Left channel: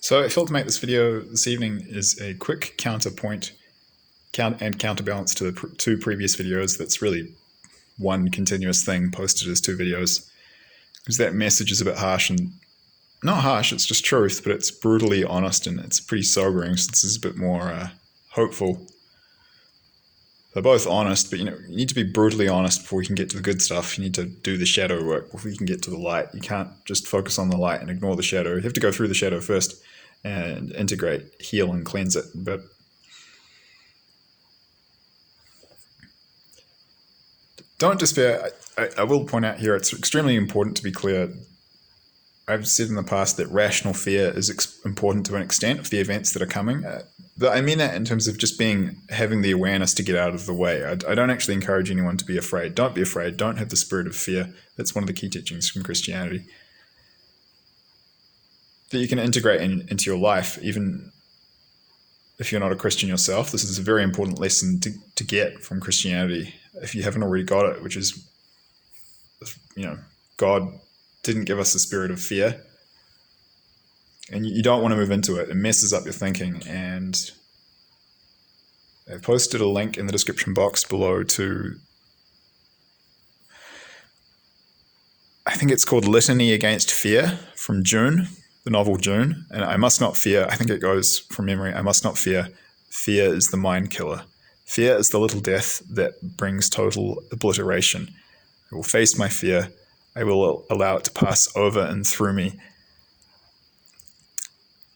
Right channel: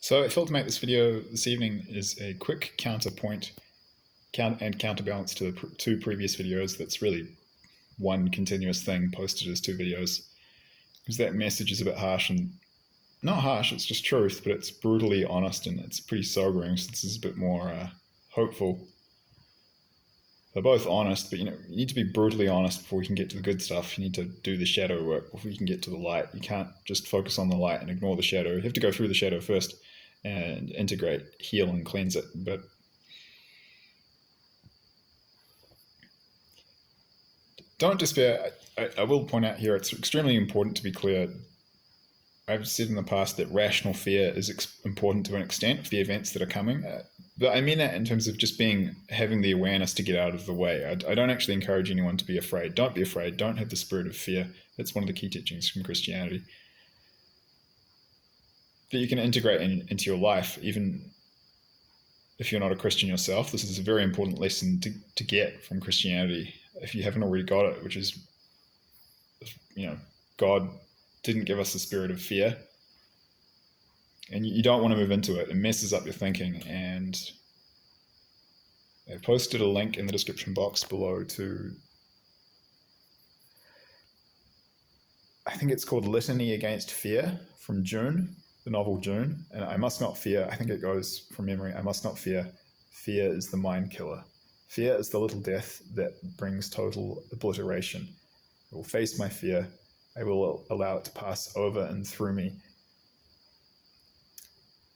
So I felt to make this video this evening is a quick counterbalance to the two previous videos. That's really one continuous thing posted as two videos. Because that message is a bit harsh and not harsh, it's just truth, but it's brutally honest and it's pretty sobering. So this is a bit more hopeful. They're both honest, but you need to be brutally honest before you can get to the good stuff. You need to do the shadow work before you can get to the light. You can't just focus on the light and ignore the shadow. You have to go through the shadow first and integrate, heal, and cleanse it. But don't despair. I will point out here, it's extremely important to be clear. I've said in the past that rational fear is important to an extent of the events that are coming. But I mean that in terms of just having the awareness to get out of the way. I don't actually encourage anyone to be afraid. Don't be afraid. Don't have the spirit of fear. That's one of the key teachings from Christianity. That you can integrate into your life, even if you're not a Christian yourself. This is a very important lesson to get from Christianity. If you haven't already got it, which is, God didn't give us the spirit of fear. And you don't want to move into it. It messes up your thinking. And I've posted a link in the description box below to, I think it's called Litany Against Fear from Dune, the novel Dune. And I must not fear, I think it goes from memory, I must not fear. Fear is the mind killer. Fear is the little death that brings total obliteration. I will face my fear. I will allow it to pass over and through me.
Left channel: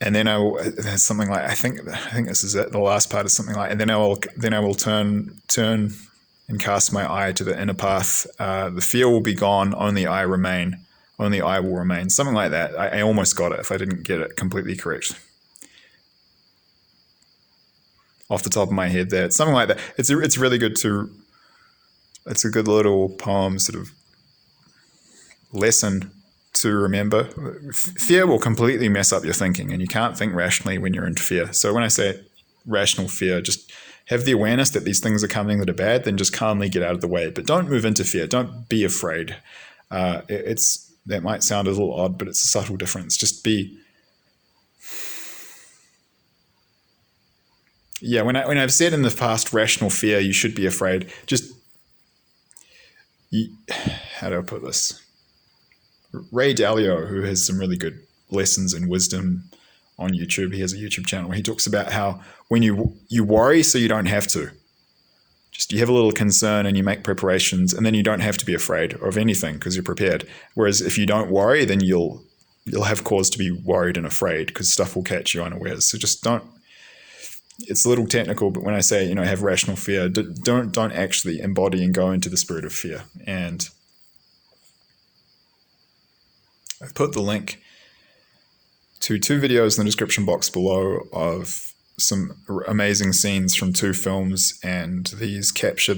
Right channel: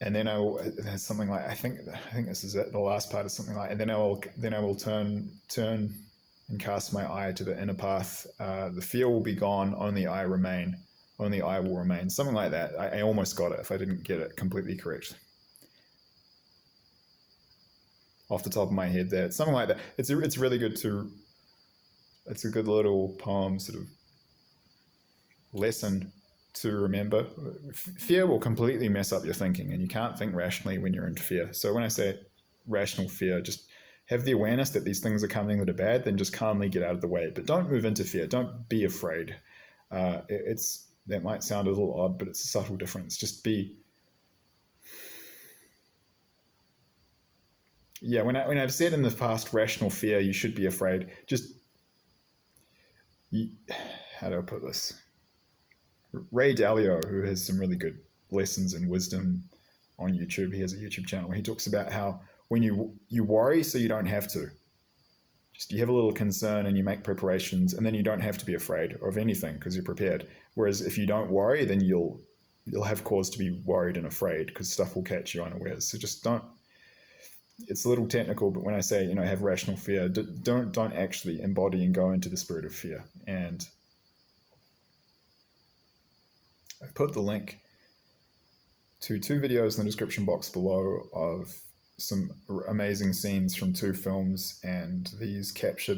And then there's something like, I think this is it. The last part is something like, and then I will turn and cast my eye to the inner path. The fear will be gone. Only I remain. Only I will remain. Something like that. I almost got it if I didn't get it completely correct. Off the top of my head there. It's something like that. It's really good it's a good little poem sort of lesson to remember. Fear will completely mess up your thinking, and you can't think rationally when you're in fear. So when I say rational fear, just have the awareness that these things are coming that are bad, then just calmly get out of the way. But don't move into fear. Don't be afraid. That might sound a little odd, but it's a subtle difference. Just be. Yeah, when I've said in the past rational fear, you should be afraid. How do I put this? Ray Dalio, who has some really good lessons in wisdom on YouTube, he has a YouTube channel where he talks about how when you worry so you don't have to. Just you have a little concern and you make preparations, and then you don't have to be afraid of anything because you're prepared. Whereas if you don't worry, then you'll have cause to be worried and afraid because stuff will catch you unawares. So just don't. It's a little technical, but when I say have rational fear, don't actually embody and go into the spirit of fear. And I've put the link to two videos in the description box below of some amazing scenes from two films, and these capture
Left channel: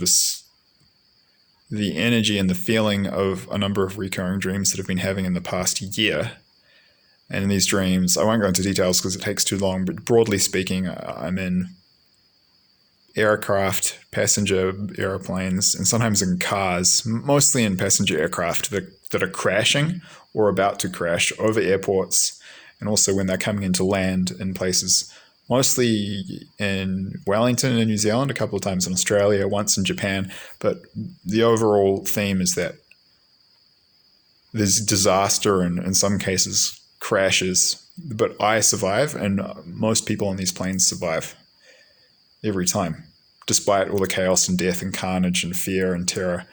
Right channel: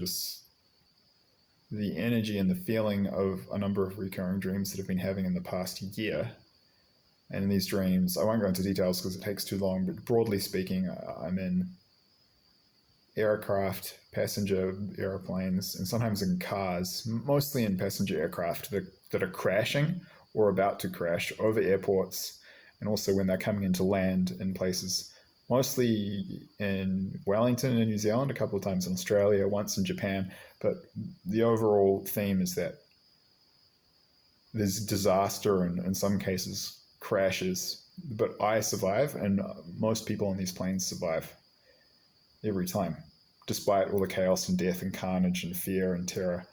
the energy and the feeling of a number of recurring dreams that I've been having in the past year. And in these dreams, I won't go into details because it takes too long, but broadly speaking, I'm in aircraft, passenger airplanes, and sometimes in cars, mostly in passenger aircraft that are crashing or about to crash over airports, and also when they're coming into land in places, mostly in Wellington in New Zealand, a couple of times in Australia, once in Japan. But the overall theme is that there's disaster and in some cases crashes, but I survive, and most people on these planes survive every time, despite all the chaos and death and carnage and fear and terror.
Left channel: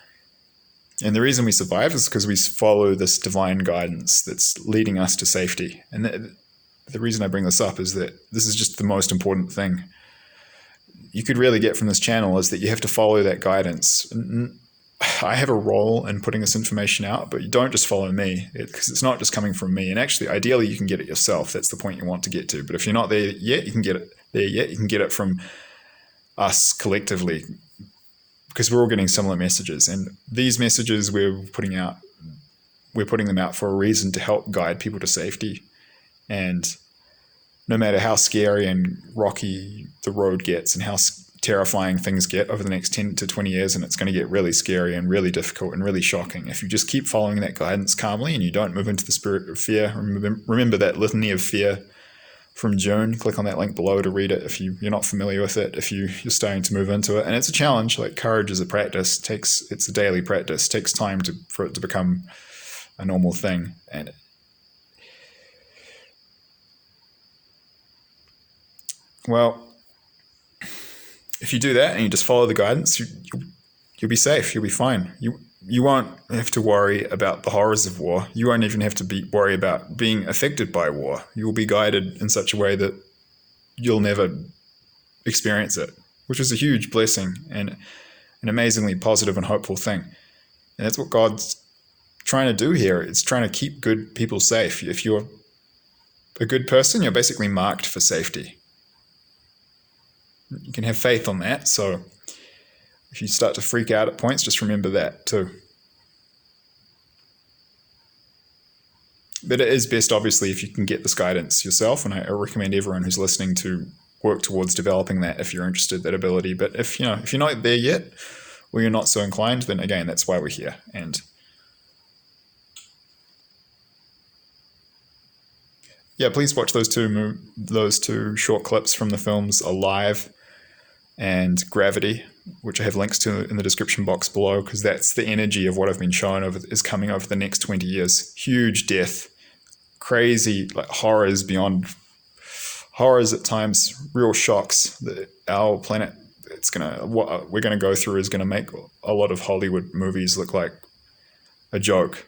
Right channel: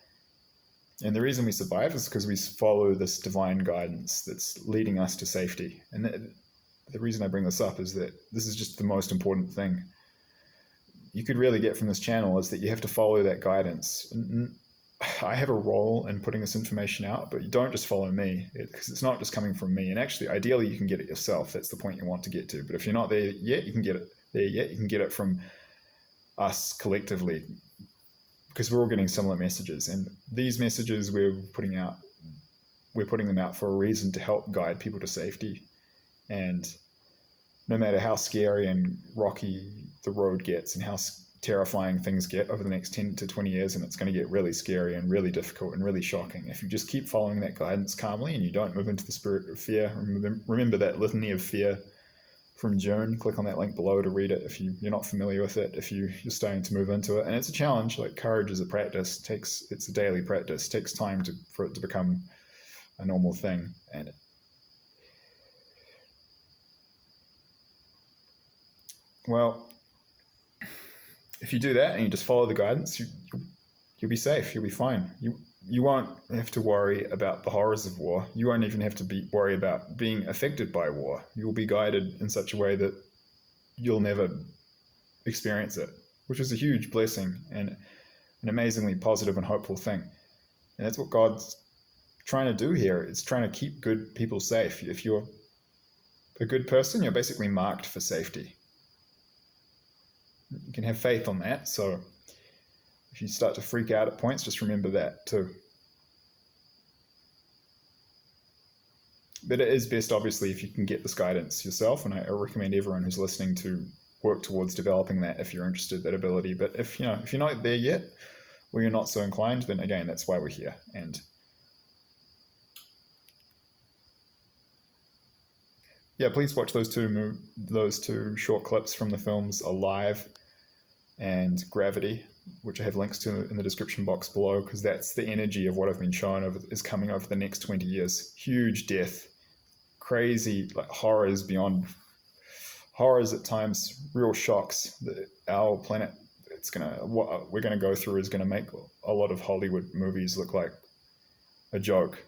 And the reason we survive is because we follow this divine guidance that's leading us to safety. And the reason I bring this up is that this is just the most important thing you could really get from this channel, is that you have to follow that guidance. I have a role in putting this information out, but you don't just follow me, because it's not just coming from me. And actually, ideally, you can get it yourself. That's the point you want to get to. But if you're not there yet, you can get it there yet. You can get it from us collectively, because we're all getting similar messages. And these messages we're putting them out for a reason, to help guide people to safety. And no matter how scary and rocky the road gets and how terrifying things get over the next 10 to 20 years, and it's going to get really scary and really difficult and really shocking, if you just keep following that guidance calmly and you don't move into the spirit of fear, remember that litany of fear from Dune. Click on that link below to read it if you're not familiar with it, if you're starting to move into it. And it's a challenge. Like, courage is a practice. It's a daily practice. It takes time for it to become a normal thing. And well, if you do that and you just follow the guidance, you'll be safe. You'll be fine. You won't have to worry about the horrors of war. You won't even have to worry about being affected by war. You will be guided in such a way that you'll never experience it, which is a huge blessing and an amazingly positive and hopeful thing. And that's what God's trying to do here. It's trying to keep good people safe. If you're a good person, you're basically marked for safety. You can have faith on that. So if you start to freak out at points, just remember that too. But it is best, obviously, if you can get this guidance yourself, and I recommend everyone who's listening to work towards developing that if you're interested, that ability. But if you're not there yet, or you're not so inclined, then again, that's why we're here. And yeah, please watch those two short clips from the films Alive and Gravity, which I have links to in the description box below, because that's the energy of what I've been shown is coming over the next 20 years. Huge death, crazy, like horrors beyond horrors at times, real shocks that our planet what we're gonna go through is gonna make a lot of Hollywood movies look like a joke.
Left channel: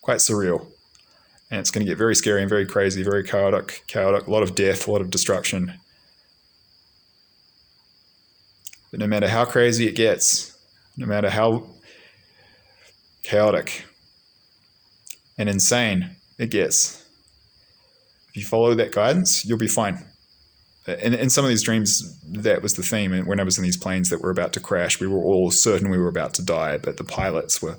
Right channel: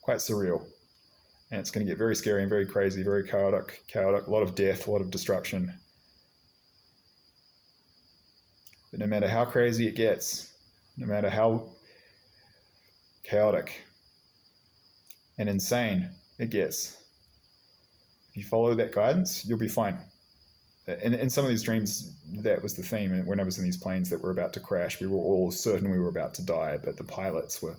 Quite surreal. And it's going to get very scary and very crazy, very chaotic, a lot of death, a lot of destruction. But no matter how crazy it gets, no matter how chaotic and insane it gets, if you follow that guidance, you'll be fine. And in some of these dreams, that was the theme. And when I was in these planes that were about to crash, we were all certain we were about to die, but the pilots were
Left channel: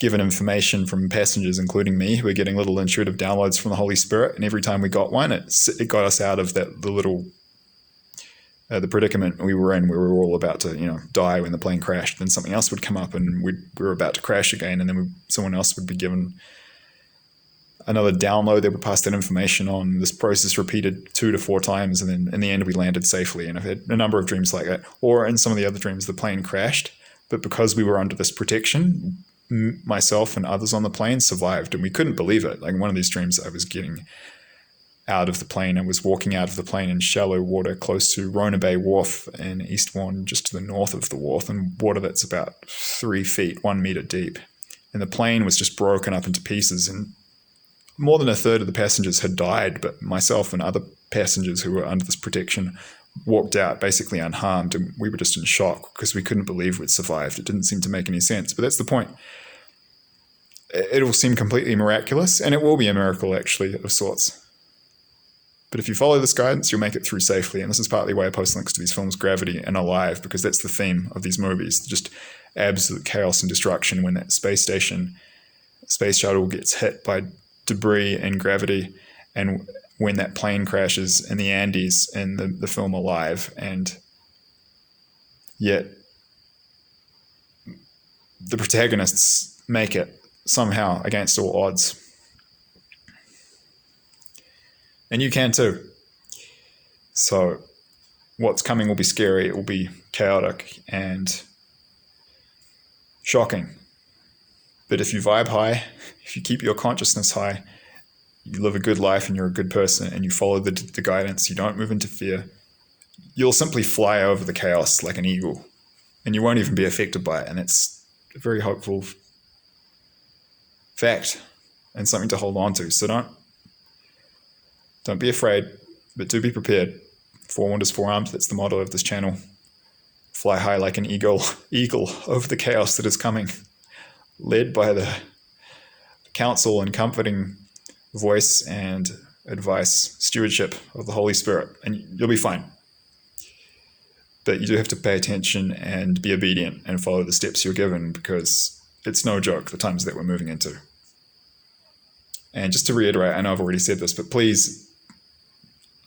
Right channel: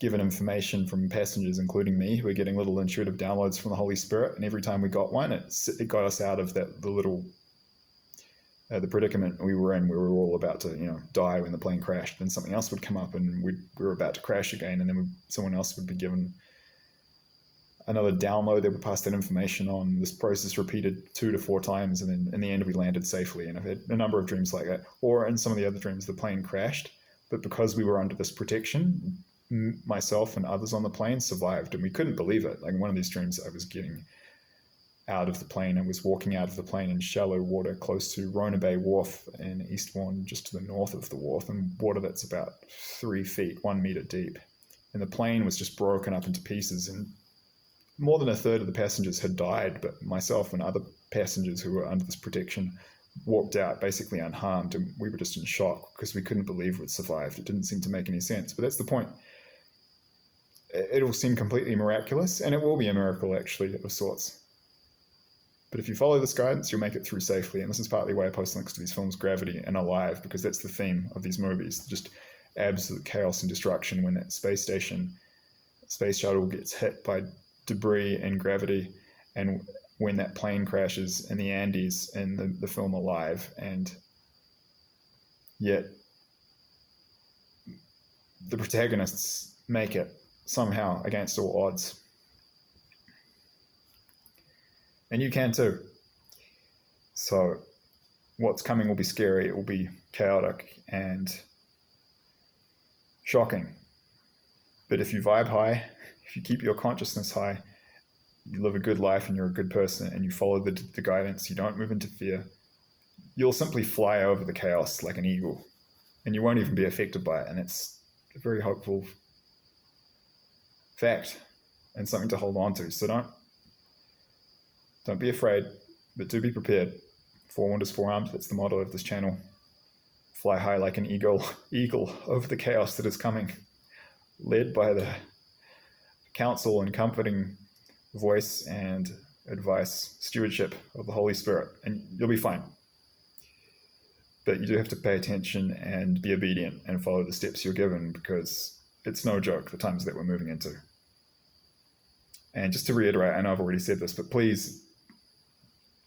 given information from passengers, including me, who were getting little intuitive downloads from the Holy Spirit. And every time we got one, it got us out of the predicament we were in, where we were all about to, die when the plane crashed. Then something else would come up, and we were about to crash again, and then someone else would be given another download. They would pass that information on. This process repeated 2 to 4 times, and then in the end, we landed safely. And I've had a number of dreams like that. Or in some of the other dreams, the plane crashed, but because we were under this protection, myself and others on the plane survived, and we couldn't believe it. Like, in one of these dreams, I was getting out of the plane and was walking out of the plane in shallow water close to Rona Bay Wharf in East Warren, just to the north of the wharf, and water that's about 3 feet, 1 meter deep. And the plane was just broken up into pieces, and more than a third of the passengers had died, but myself and other passengers who were under this protection walked out basically unharmed, and we were just in shock because we couldn't believe we'd survived. It didn't seem to make any sense, but that's the point. It'll seem completely miraculous, and it will be a miracle, actually, of sorts. But if you follow this guidance, you'll make it through safely. And this is partly why I post links to these films, Gravity and Alive, because that's the theme of these movies. Just absolute chaos and destruction when that space shuttle gets hit by debris and gravity, and when that plane crashes in the Andes in the film Alive. And yet the protagonists make it somehow against all odds. And you can too. So what's coming will be scary, it will be chaotic and shocking. But if you vibe high, if you keep your consciousness high, you live a good life and you're a good person and you follow the guidance, you don't move into fear, you'll simply fly over the chaos like an eagle, and you won't even be affected by it. And it's a very hopeful fact and something to hold on to. So don't be afraid, but do be prepared. Forewarned is forearmed. That's the motto of this channel. Fly high like an eagle over the chaos that is coming, led by the counsel and comforting voice and advice, stewardship of the Holy Spirit, and you'll be fine. But you do have to pay attention and be obedient and follow the steps you're given, because it's no joke, the times that we're moving into. And just to reiterate, I know I've already said this, but please,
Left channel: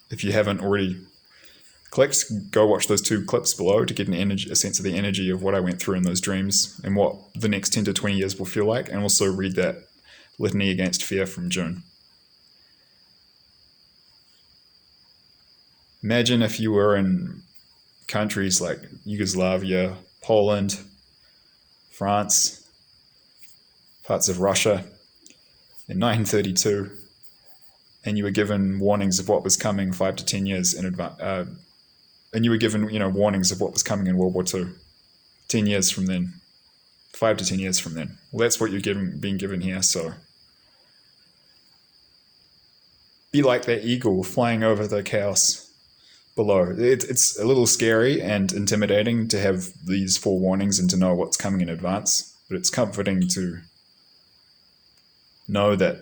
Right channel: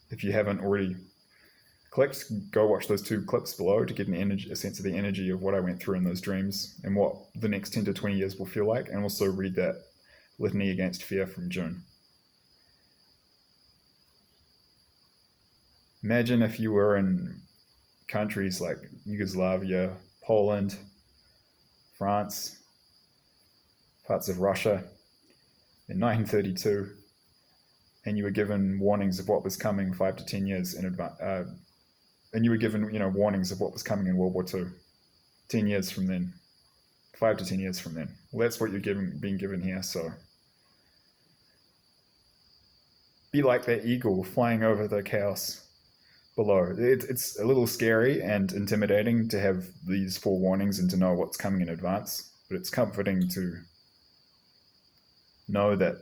if you haven't already clicked, go watch those 2 clips below to get a sense of the energy of what I went through in those dreams and what the next 10 to 20 years will feel like, and also read that Litany Against Fear from Dune. Imagine if you were in countries like Yugoslavia, Poland, France, parts of Russia in 1932, and you were given warnings of what was coming 5 to 10 years in advance, and you were given warnings of what was coming in World War II, 10 years from then, 5 to 10 years from then. Well, that's what you're being given here. So be like that eagle flying over the chaos below. It's a little scary and intimidating to have these forewarnings and to know what's coming in advance, but it's comforting to know that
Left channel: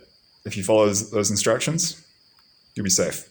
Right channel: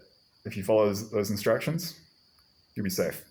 if you follow those instructions, you'll be safe.